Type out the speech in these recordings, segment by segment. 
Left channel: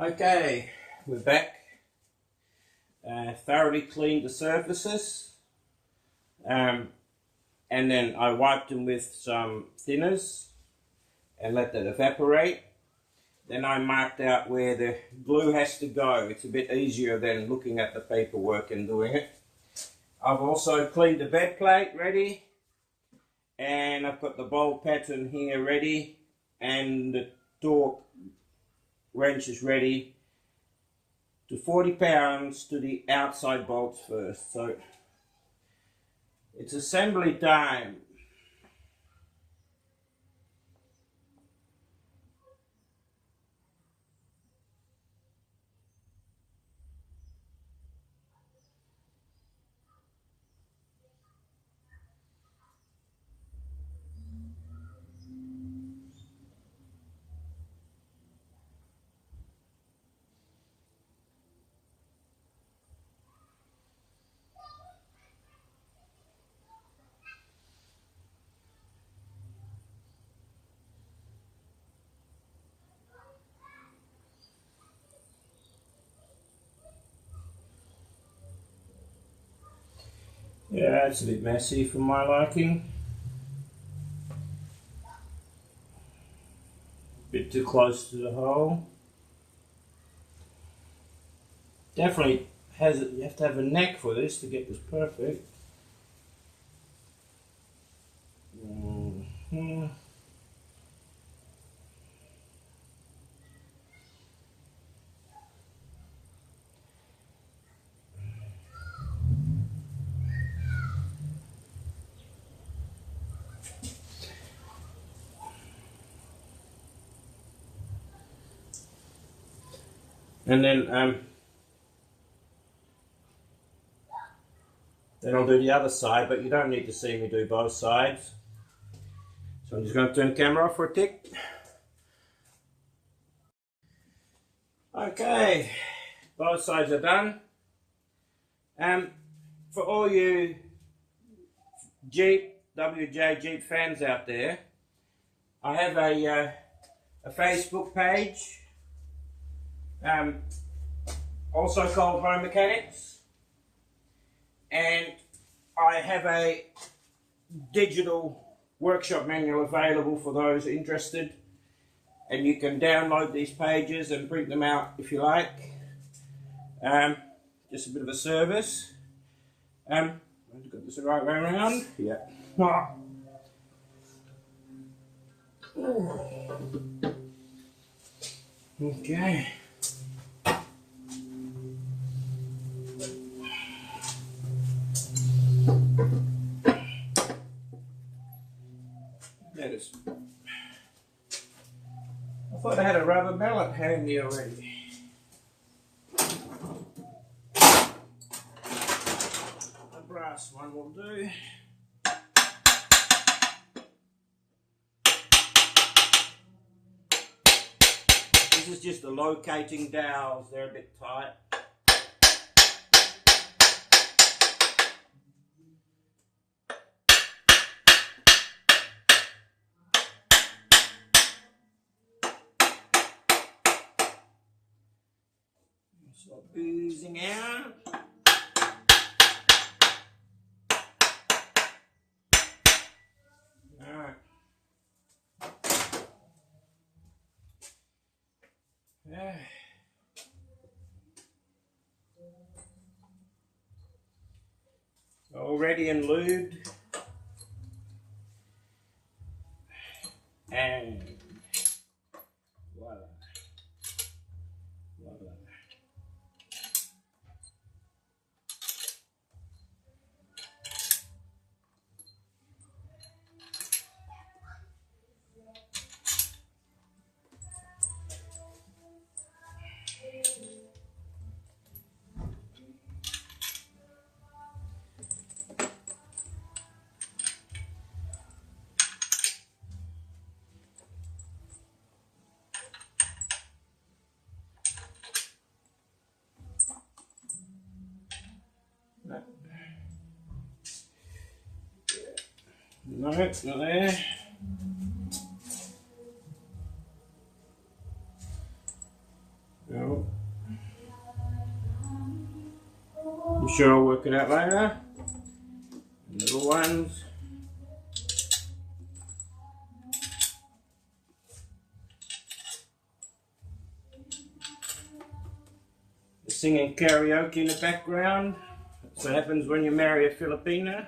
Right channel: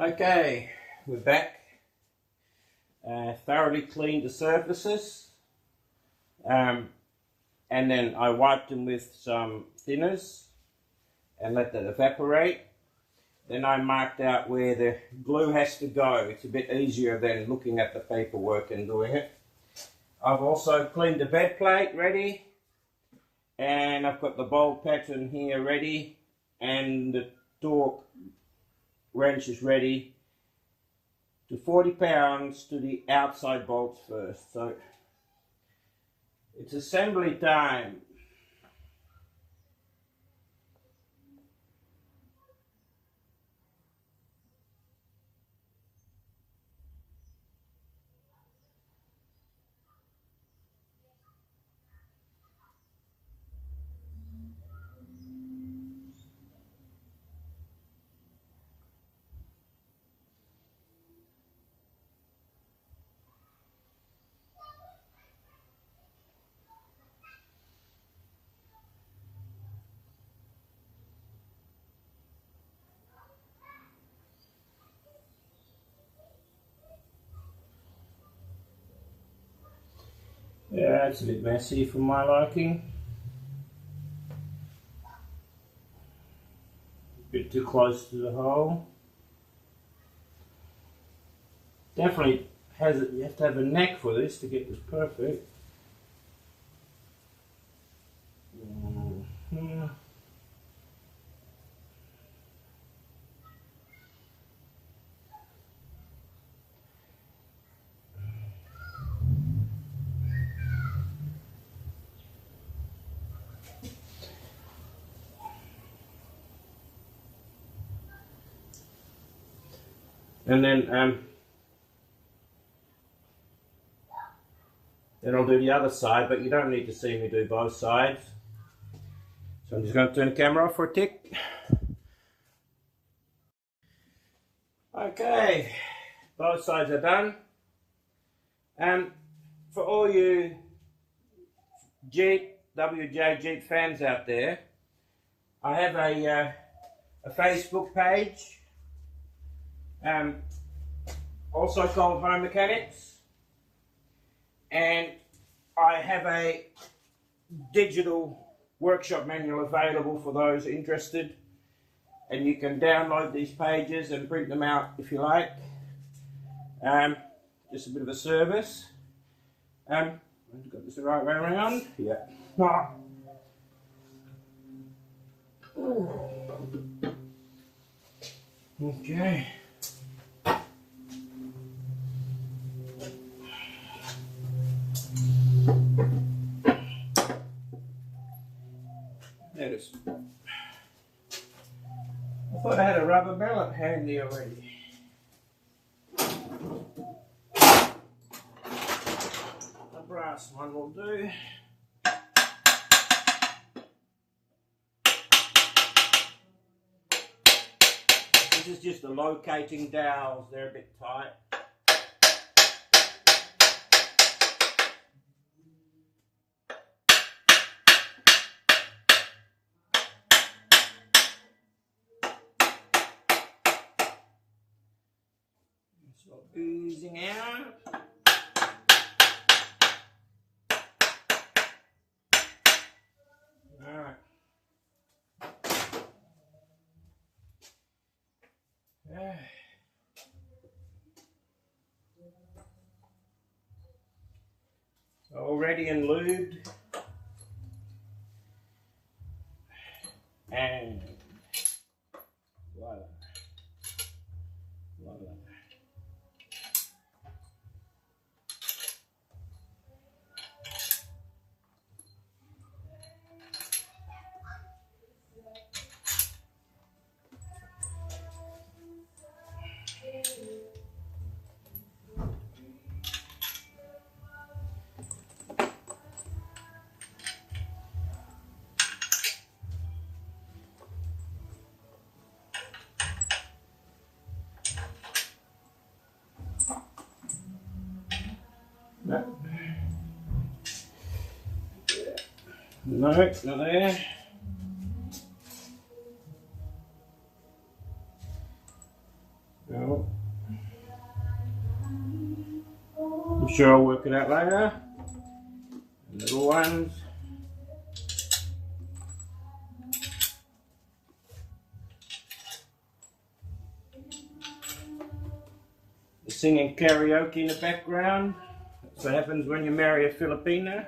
Okay, we're back. Thoroughly cleaned the surfaces, and then I wiped them with some thinners and let that evaporate. Then I marked out where the glue has to go. It's a bit easier than looking at the paperwork and doing it. I've also cleaned the bed plate ready, and I've got the bolt pattern here ready, and the torque wrench is ready to 40 pounds to the outside bolts first. So it's assembly time. Yeah, it's a bit messy for my liking. A bit too close to the hole. Definitely has it. You have to have a neck for this to get this perfect. And then I'll do the other side, but you don't need to see me do both sides. So I'm just going to turn the camera off for a tick. Okay, both sides are done. For all you WJ Jeep fans out there, I have a Facebook page, also called Home Mechanics, and I have a digital workshop manual available for those interested, and you can download these pages and print them out if you like. Just a bit of a service. I've got this the right way around. Yeah. Okay. That is. I thought I had a rubber mallet handy already. A brass one will do. This is just the locating dowels, they're a bit tight. It's all oozing out. Alright. Yeah. All ready and lubed. And voila. Voila. No, it's not there. Well, I'm sure I'll work it out later. Little ones. They're singing karaoke in the background. That's what happens when you marry a Filipina.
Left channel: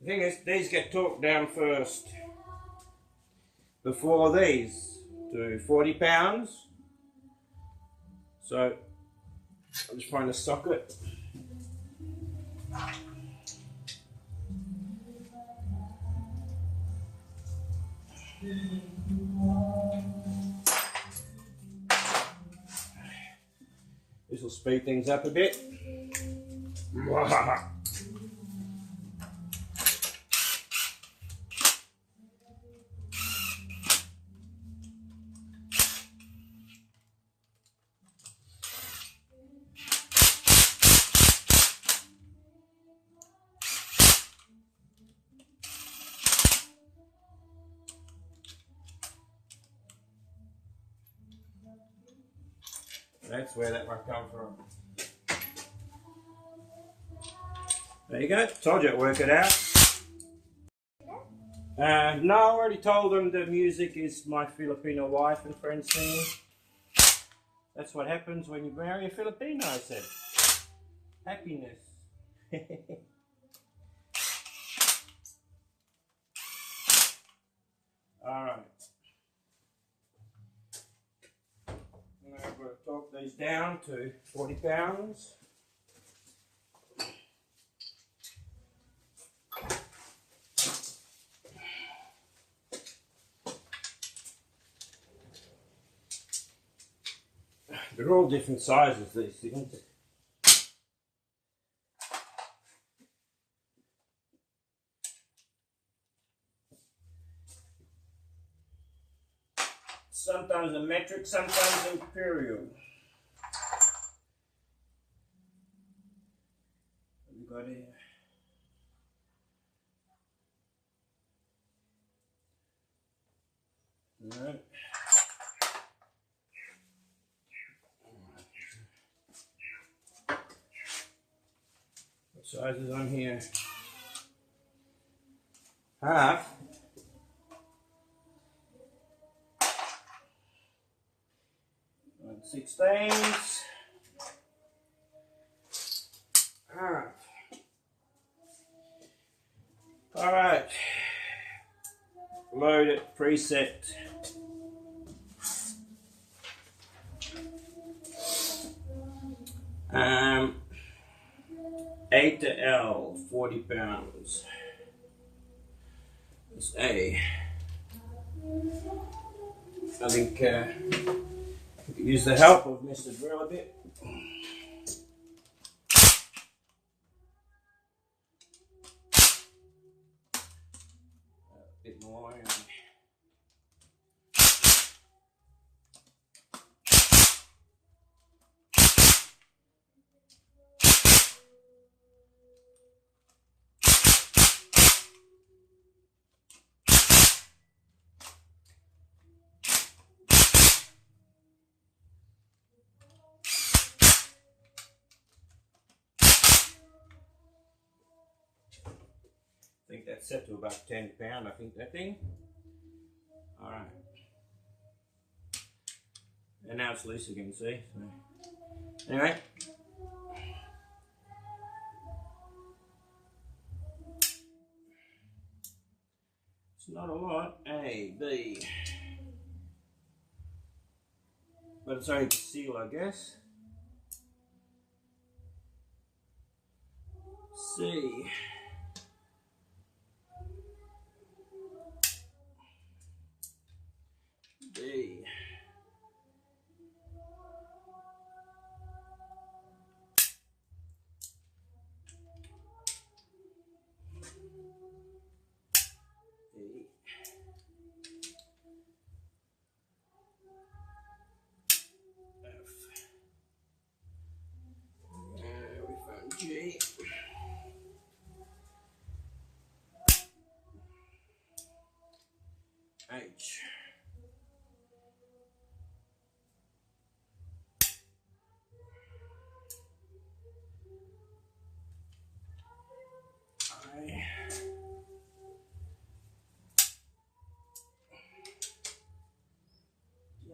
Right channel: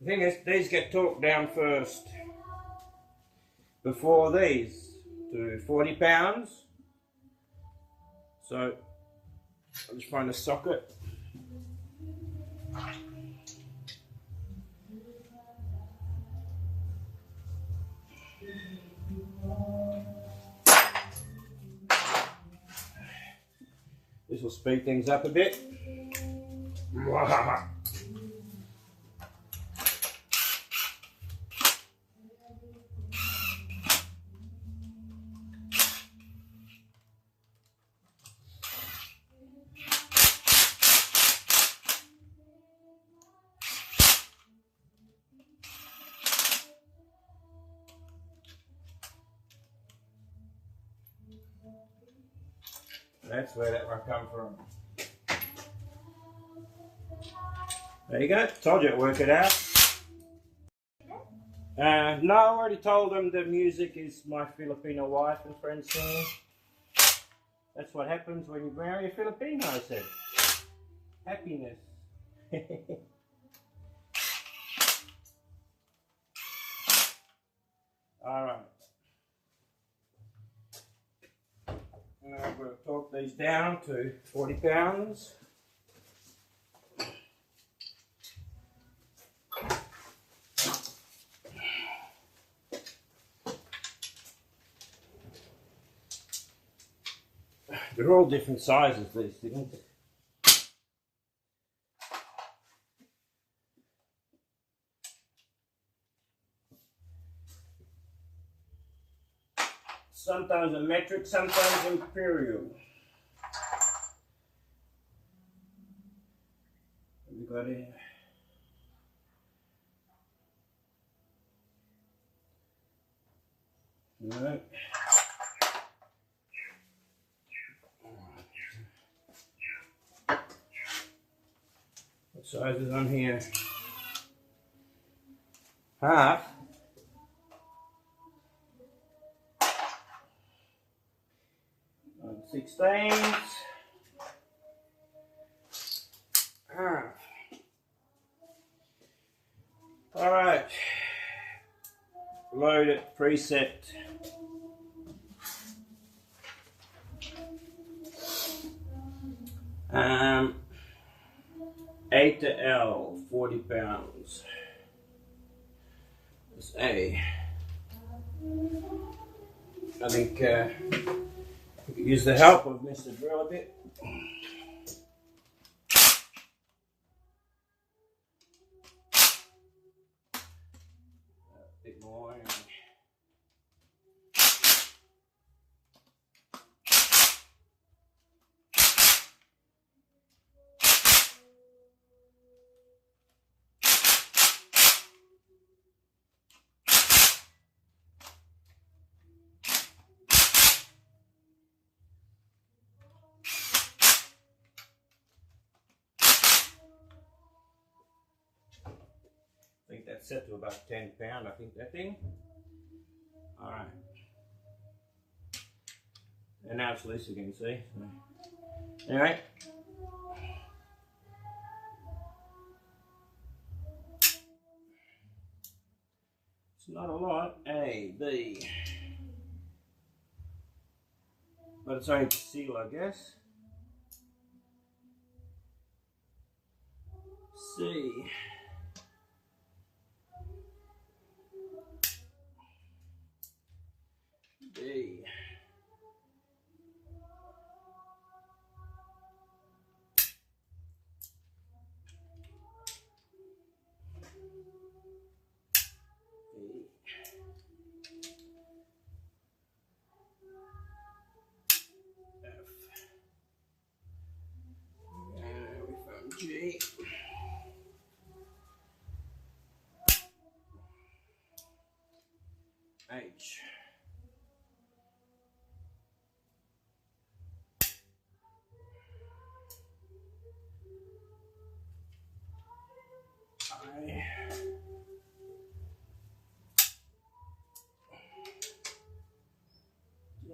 The thing is, these get torqued down first. Before these to 40 pounds. So I'll just find a socket. This will speed things up a bit. That's where that might come from. There you go. Told you to work it out. No, I already told them the music is my Filipino wife and friends singing. That's what happens when you marry a Filipino, I said. Happiness. Alright. Now I'm going to torque these down to 40 pounds. They're all different sizes, these things. Sometimes a metric, sometimes imperial. What have we got here? No. What size is on here? Half. 16s. Alright. Load it, preset. A to L, 40 pounds. That's A. I think use the help of Mr. Drill a bit. A bit more. I think that's set to about 10 pounds, I think, that thing. Alright. And now it's loose again, see? So, anyway. It's not a lot. A, B. But it's only to seal, I guess. C. D. G. H. I. J.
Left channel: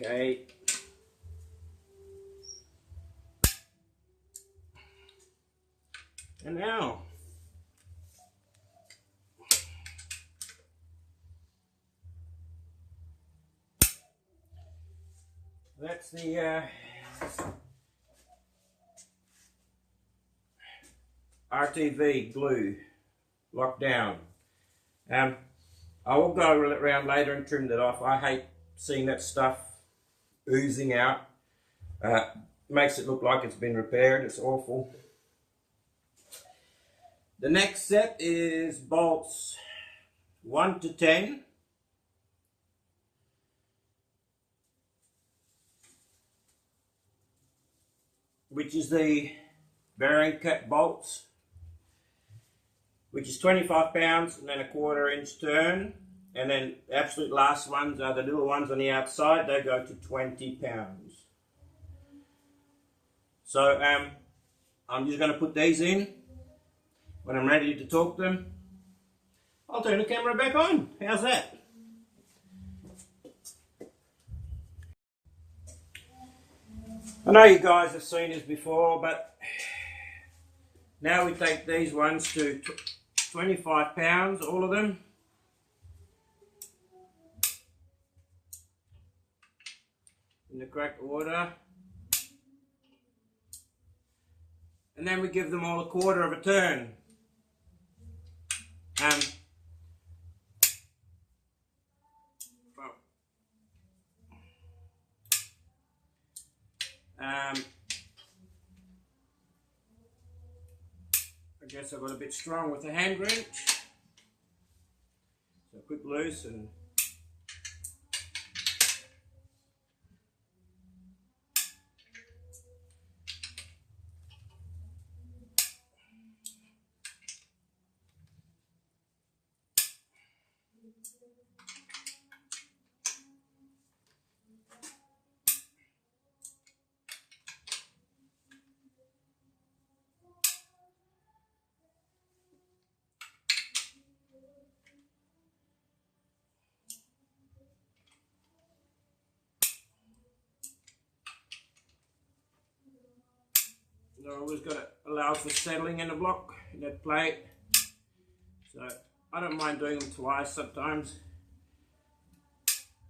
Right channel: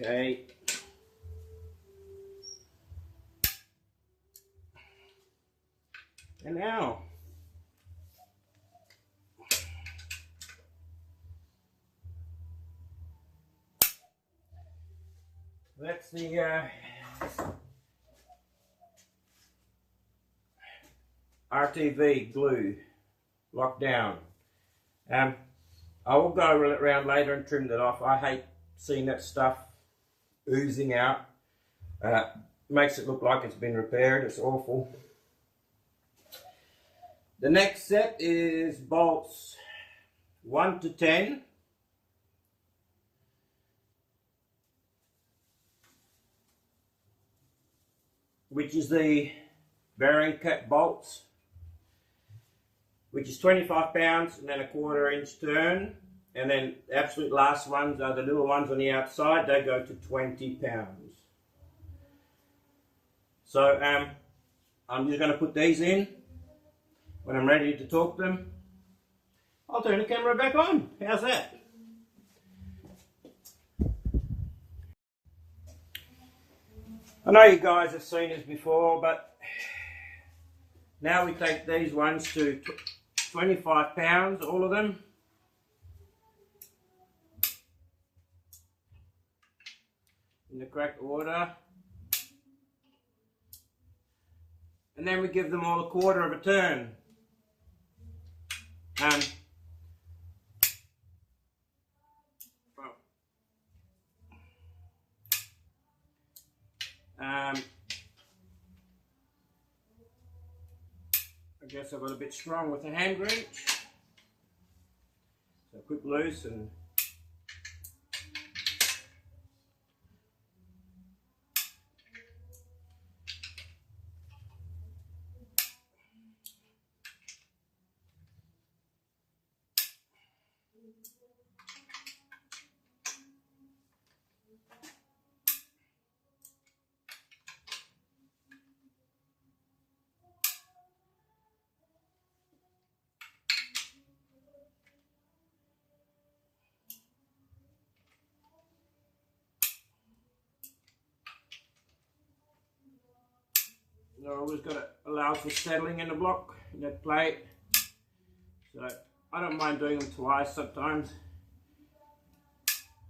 Okay. And now that's the RTV glue locked down. I will go around later and trim that off. I hate seeing that stuff oozing out. Makes it look like it's been repaired. It's awful. The next set is bolts 1 to 10. Which is the bearing cap bolts, which is 25 pounds and then a 1/4 inch turn. And then the absolute last ones are the little ones on the outside. They go to 20 pounds. So I'm just going to put these in. When I'm ready to torque them, I'll turn the camera back on. How's that? I know you guys have seen this before, but now we take these ones to 25 pounds, all of them. In the correct order. And then we give them all a 1/4 of a turn. I guess I got a bit strong with the hand wrench. So quick loose and I always got to allow for settling in the block, in that plate. So I don't mind doing them twice sometimes.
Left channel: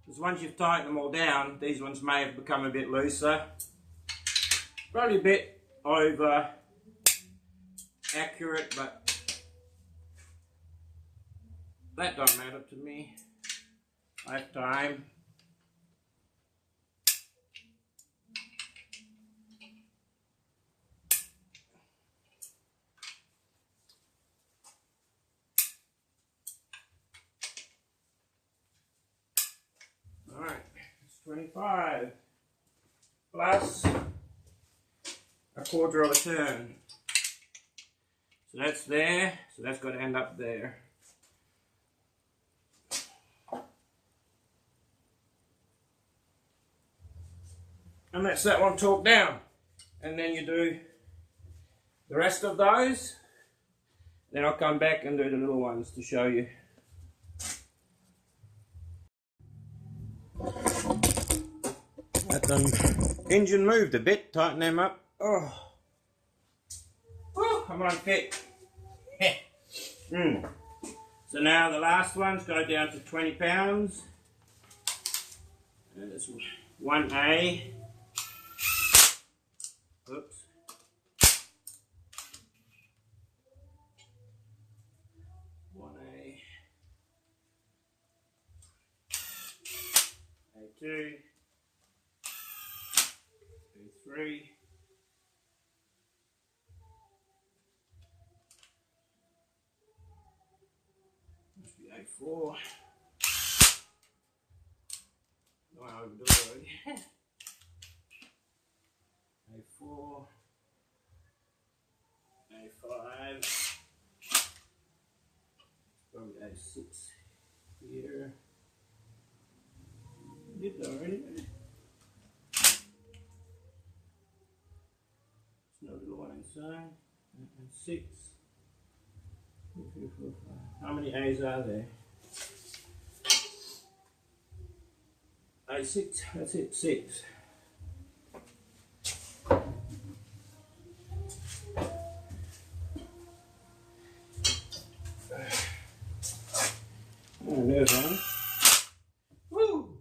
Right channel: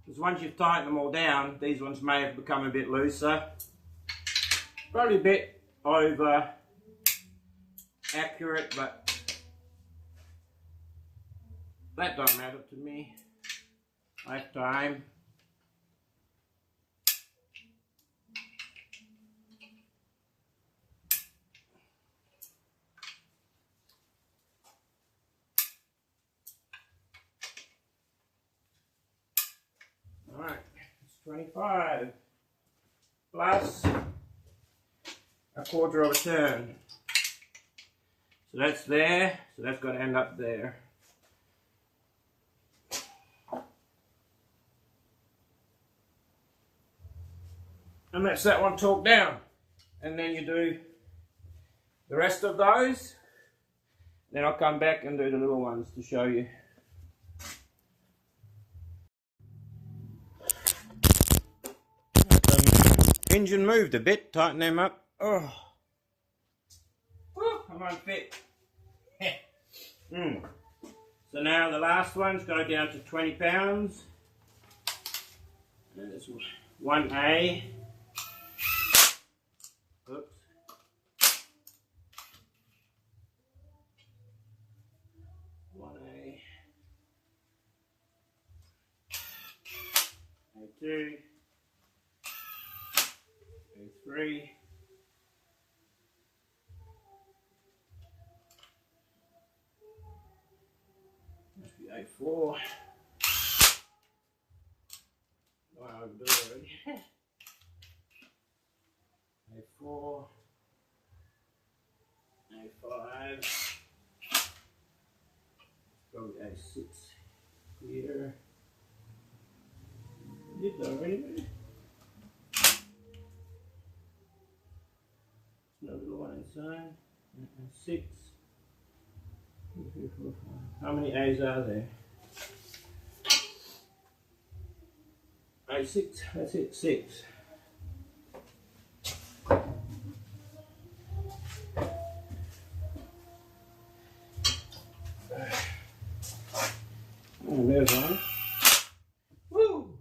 Because once you've tightened them all down, these ones may have become a bit looser. Probably a bit over accurate, but that don't matter to me. I have time. Alright, it's 25 plus a 1/4 of a turn. So that's there, so that's got to end up there. And that's that one torqued down. And then you do the rest of those. Then I'll come back and do the little ones to show you. Engine moved a bit, tighten them up. Oh. Woo, come on, fit. So now the last ones go down to 20 pounds. There's 1A. Oops. A2, A3, must be A4. No, I overdo it already. A4, A5. sits here. Did that already? There's no little one inside. 6. 2, 3, 4, 5. How many A's are there? A6. That's it. 6. And there's one. Woo!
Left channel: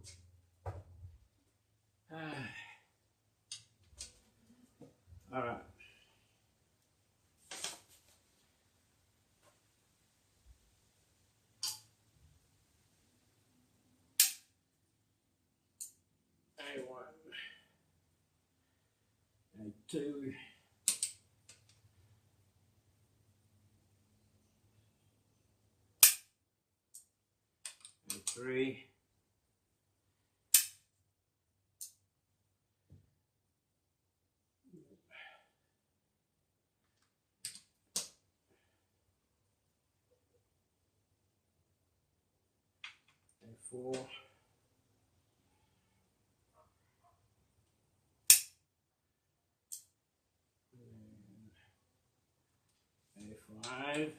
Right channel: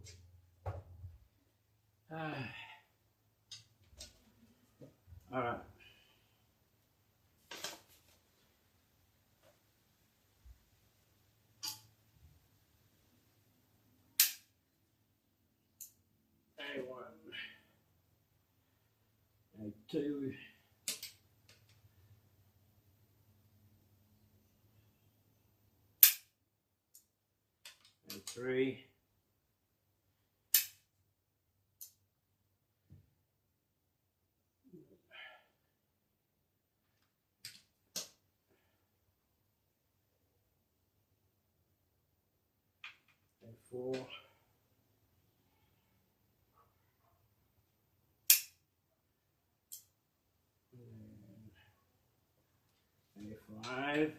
Alright. A1. A2. A3. A4. A5.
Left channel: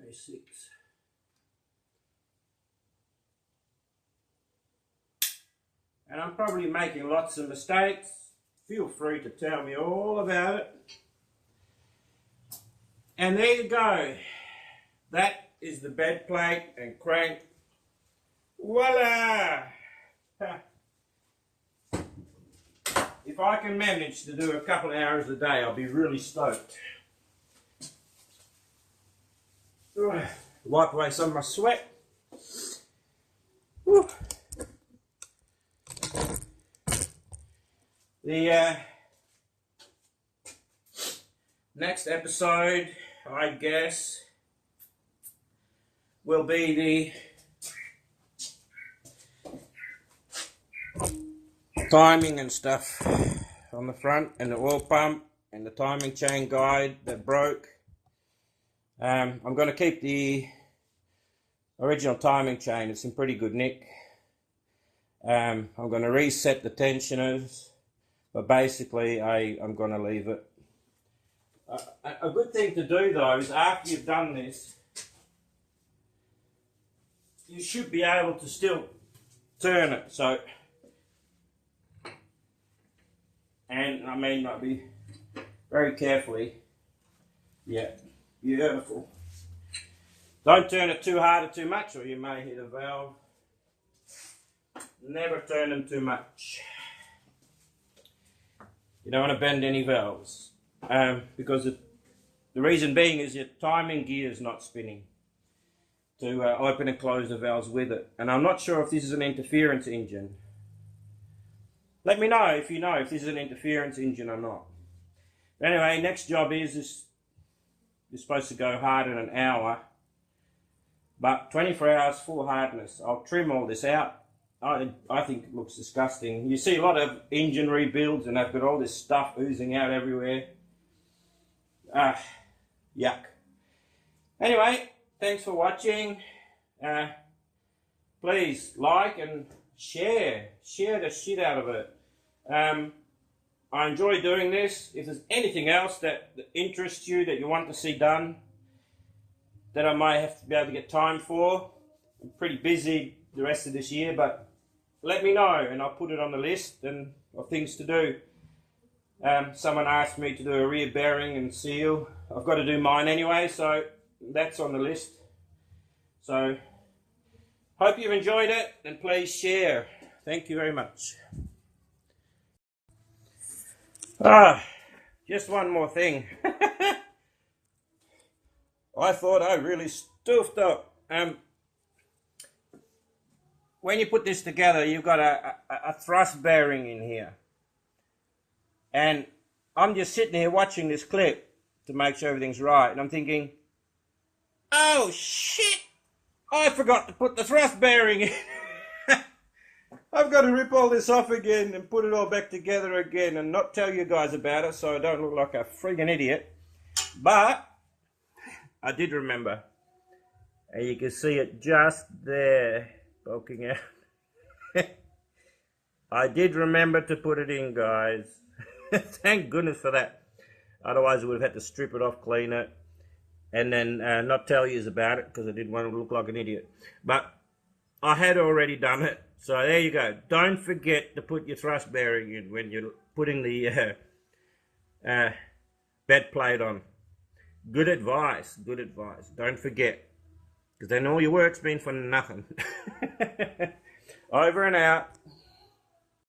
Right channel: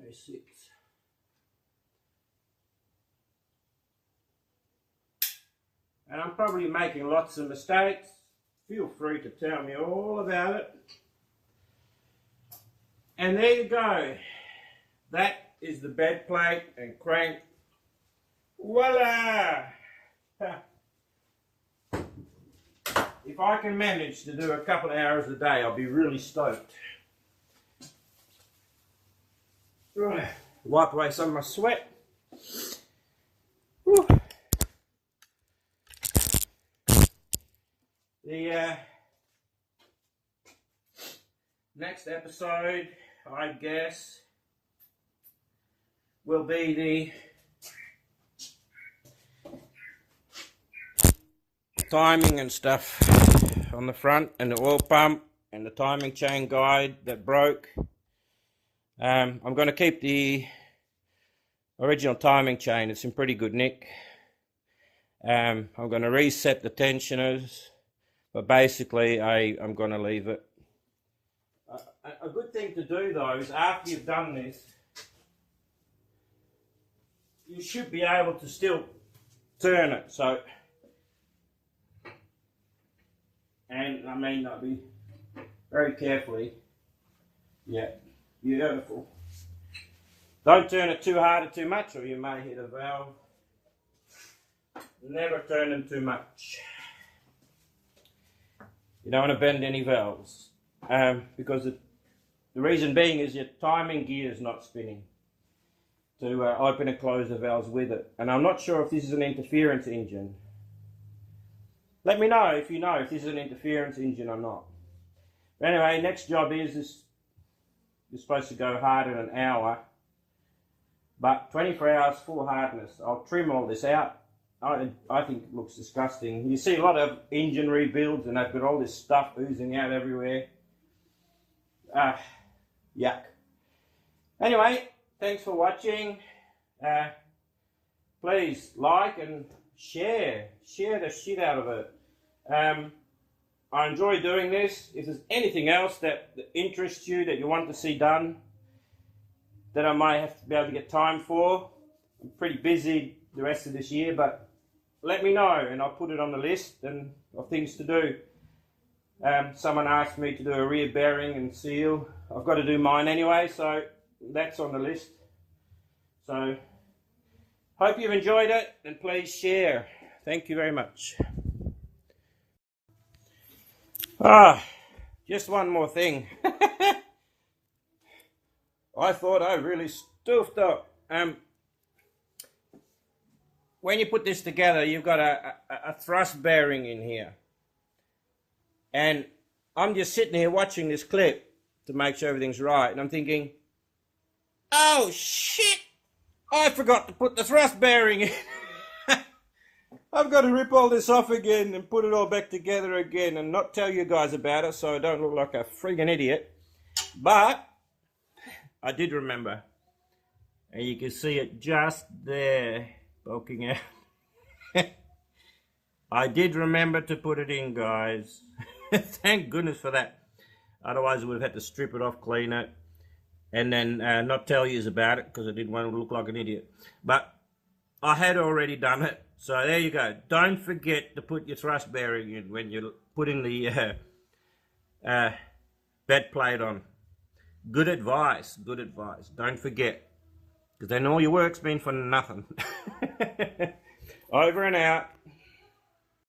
A6. And I'm probably making lots of mistakes. Feel free to tell me all about it. And there you go. That is the bed plate and crank. Voila! If I can manage to do a couple of hours a day, I'll be really stoked. Wipe away some of my sweat. Whew. The next episode, I guess, will be the timing and stuff on the front, and the oil pump and the timing chain guide that broke. I'm going to keep the original timing chain. It's in pretty good nick. I'm going to reset the tensioners, but basically I'm going to leave it. A good thing to do though is after you've done this, you should be able to still turn it. So, and I mean, I'll be very carefully. Yeah, beautiful. Don't turn it too hard or too much, or you may hit a valve. Never turn them too much. You don't want to bend any valves. Because the reason being is your timing gear is not spinning to open and close the valves with it. And I'm not sure if this is an interference engine. Let me know if you know if this is an interference engine or not. But anyway, next job is this. You're supposed to go hard in an hour, but 24 hours full hardness. I'll trim all this out. I think it looks disgusting. You see a lot of engine rebuilds and they've got all this stuff oozing out everywhere. Yuck. Anyway, thanks for watching. Please like and share the shit out of it. I enjoy doing this. If there's anything else that interests you, that you want to see done, that I might have to be able to get time for, I'm pretty busy the rest of this year, but let me know and I'll put it on the list and of things to do. Someone asked me to do a rear bearing and seal. I've got to do mine anyway, so that's on the list. So, hope you've enjoyed it, and please share. Thank you very much. Just one more thing. I thought I really stuffed up. When you put this together, you've got a thrust bearing in here. And I'm just sitting here watching this clip to make sure everything's right. And I'm thinking, oh shit, I forgot to put the thrust bearing in. I've got to rip all this off again and put it all back together again and not tell you guys about it so I don't look like a friggin' idiot. But I did remember. And you can see it just there, poking out. I did remember to put it in, guys. Thank goodness for that. Otherwise, I would have had to strip it off, clean it, and then not tell you about it because I didn't want to look like an idiot. But I had already done it. So there you go. Don't forget to put your thrust bearing in when you're putting the bed plate on. Good advice. Good advice. Don't forget. Because then all your work's been for nothing. Over and out.